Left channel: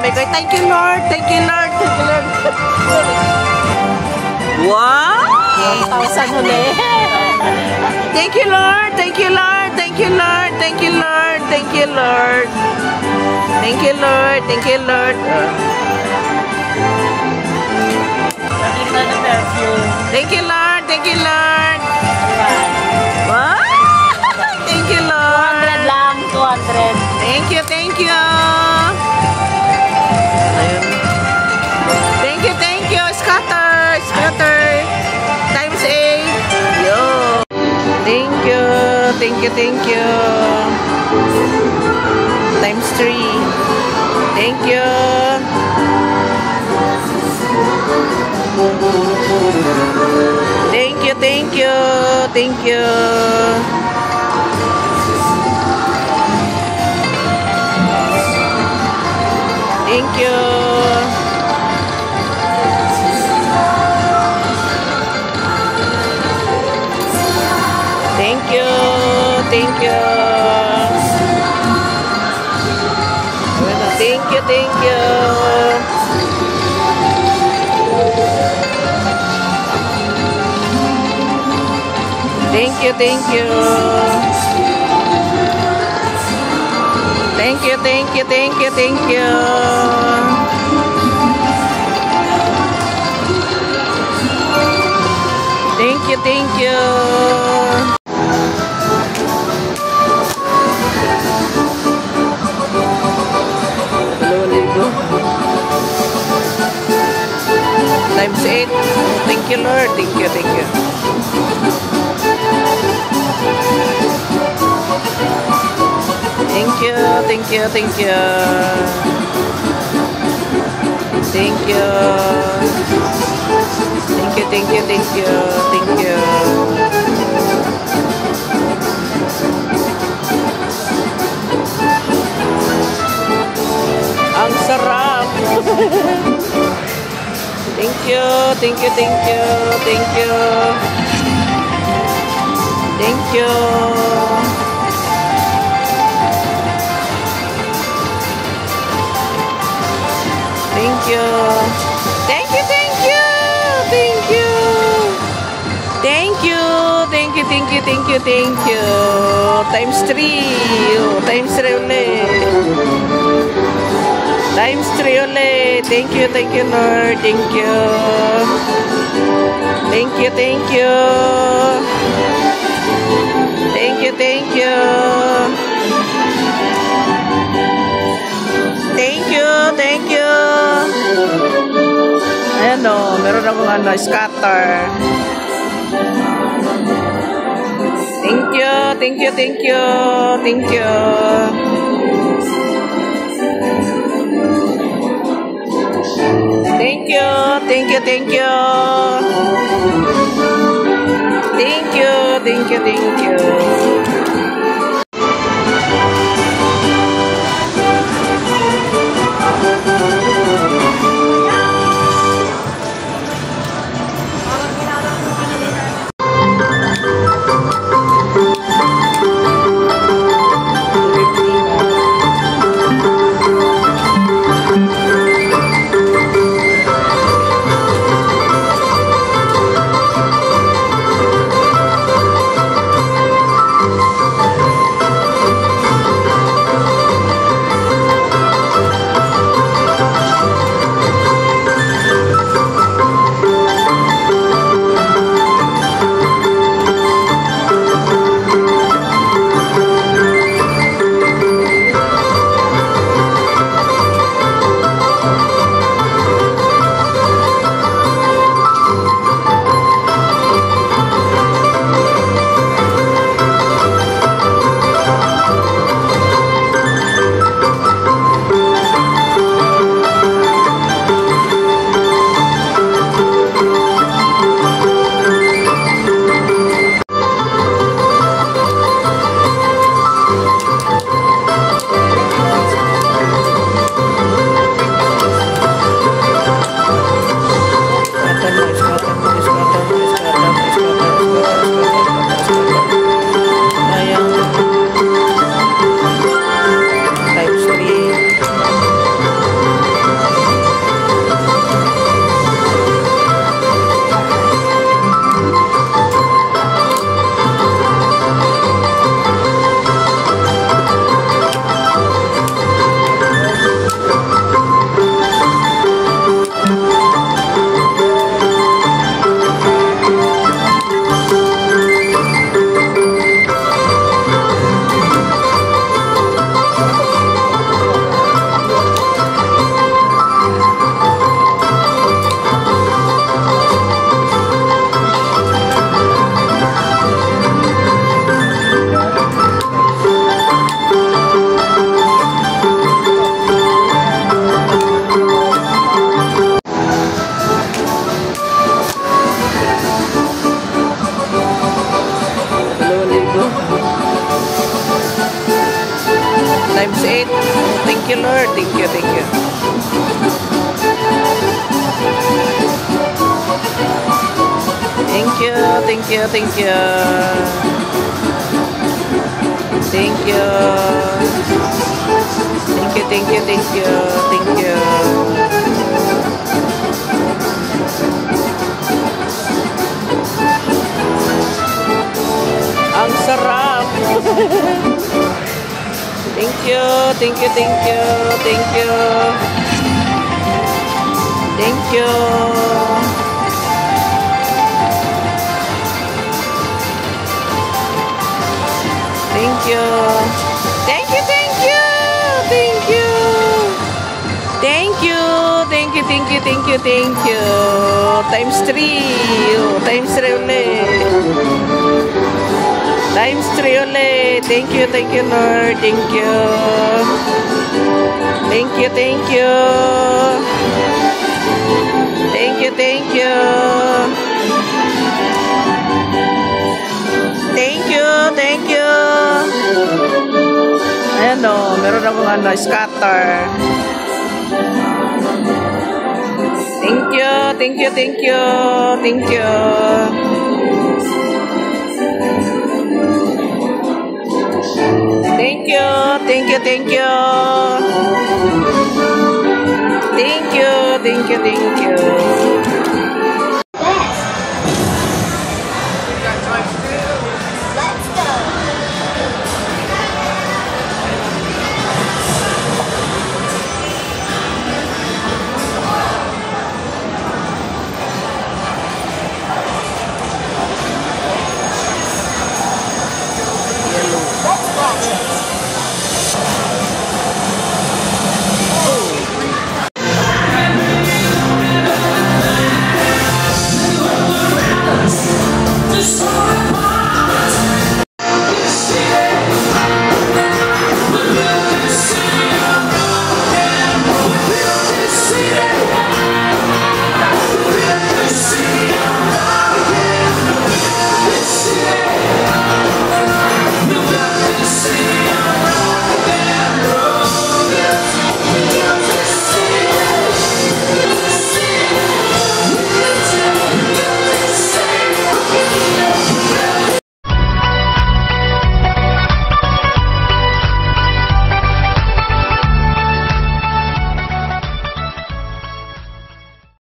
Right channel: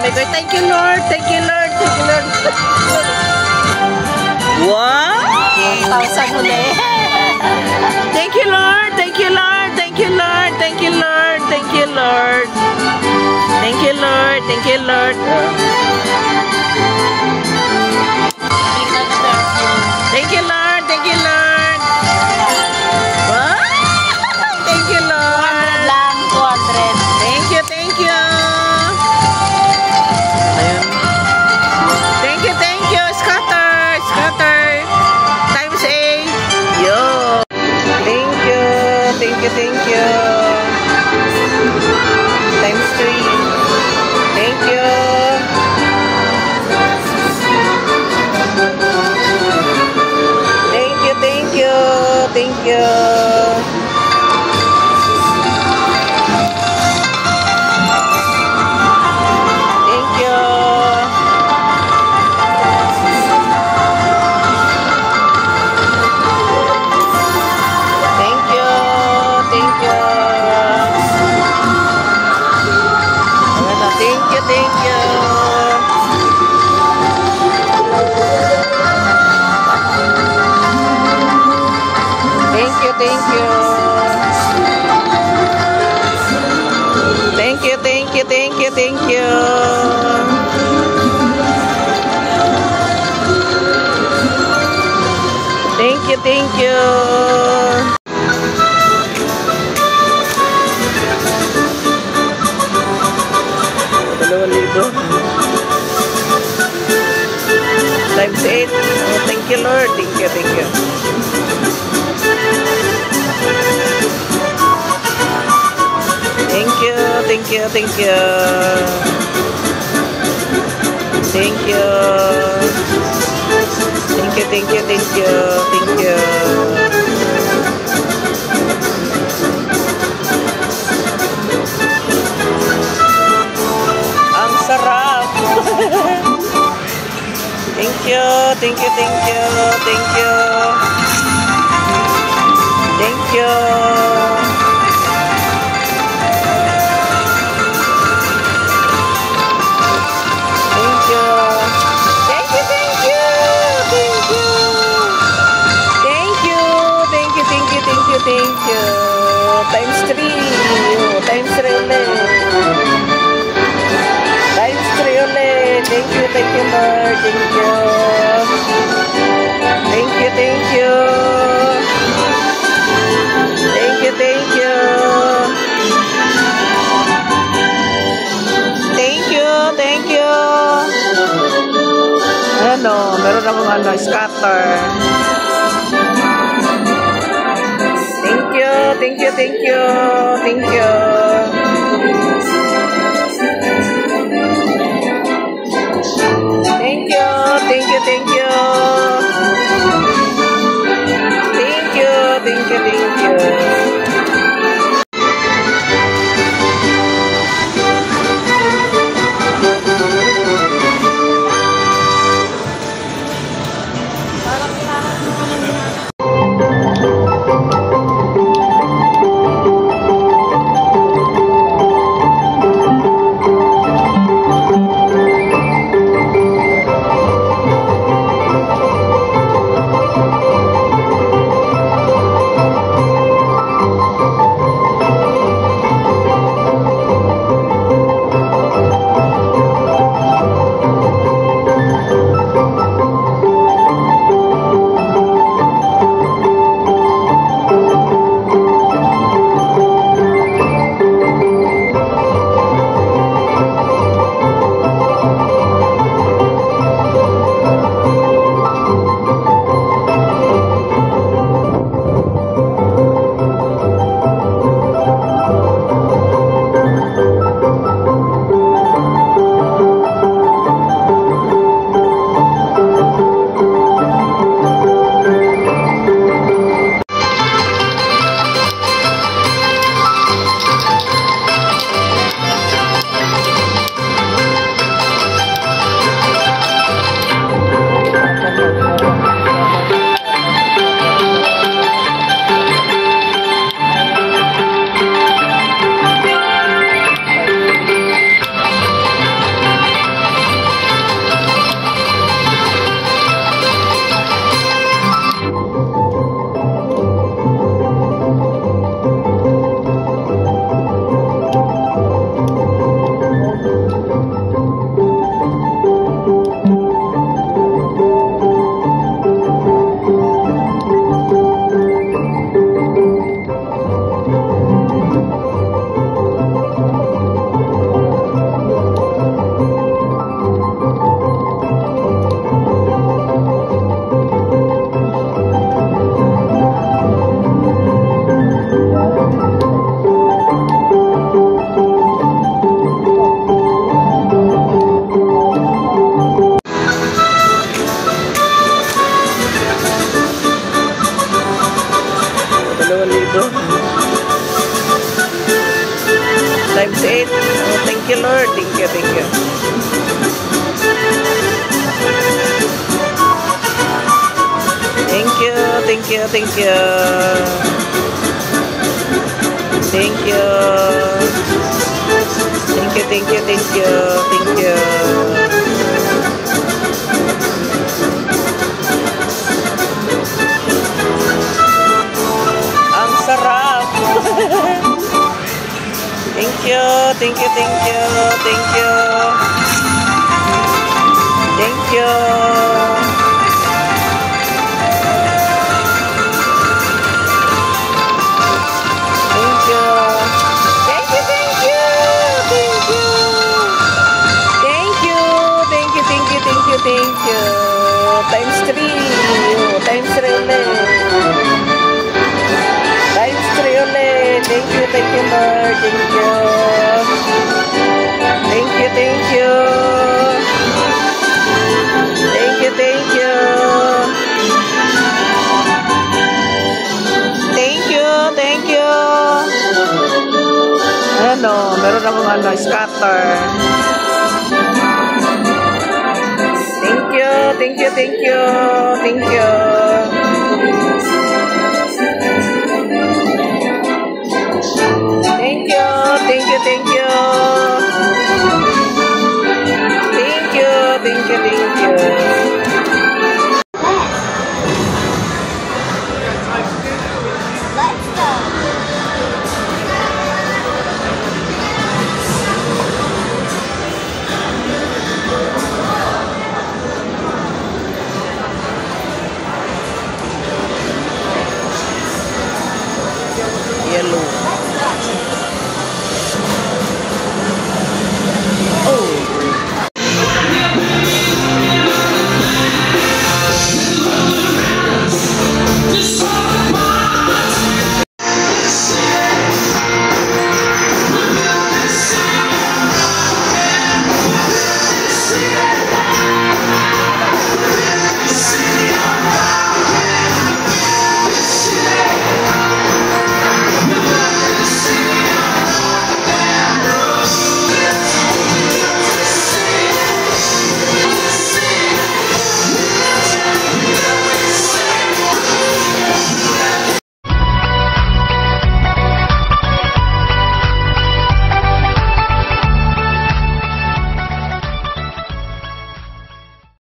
Thank you, Lord. Thank you, Lord. Thank you, Lord. Wow! 1,000 ulit. Thank you, Lord. Thank you, Lord. Thank you, Lord. Thank you, Lord. Thank you, Lord. Thank you, Lord. Thank you, Lord. Thank you, Lord. Thank you, Lord. Wow! Thank you, Lord. 200 lang. 200. Thank you, thank you. Ayun. Thank you. Scatter. Scatter. Times 8. Yo. Thank you. Thank you, thank you. Times 3. Thank you. Thank you, thank you. Thank you. Thank you. Thank you. Thank you. Bueno, thank you, thank you. Thank you, thank you. Thank you, thank you, thank you, thank you. Thank you, thank you. 2,000 times 8. Oh, thank you, Lord. Thank you, thank you. Thank you, thank you, thank you. Thank you. Thank you, thank you, thank you, thank you. Ang sarap. Thank you, thank you, thank you, thank you. Thank you. Thank you. Thank you, thank you. Thank you. Thank you. Thank you, thank you, thank you, thank you. Times 3. Times 3 ulit. Times 3 ulit. Thank you, Lord. Thank you. Thank you, thank you. Thank you, thank you. Thank you, thank you. Ayan o, meron akong scatter. Thank you, thank you, thank you, thank you. Thank you, thank you, thank you. Thank you, thank you, thank you. 8. Oh, thank you, Lord. Thank you, thank you. Thank you, thank you, thank you. Thank you. Thank you, thank you, thank you, thank you. Ang sarap. Thank you, thank you, thank you, thank you. Thank you. Thank you. Thank you, thank you. Thank you. Thank you. Thank you, thank you, thank you, thank you. Times 3. Times 3 ulit. Times 3 ulit. Thank you, Lord. Thank you. Thank you, thank you. Thank you, thank you. Thank you, thank you. Ayan o, meron akong scatter. Thank you, thank you, thank you, thank you. Thank you, thank you, thank you. Thank you, thank you, thank you.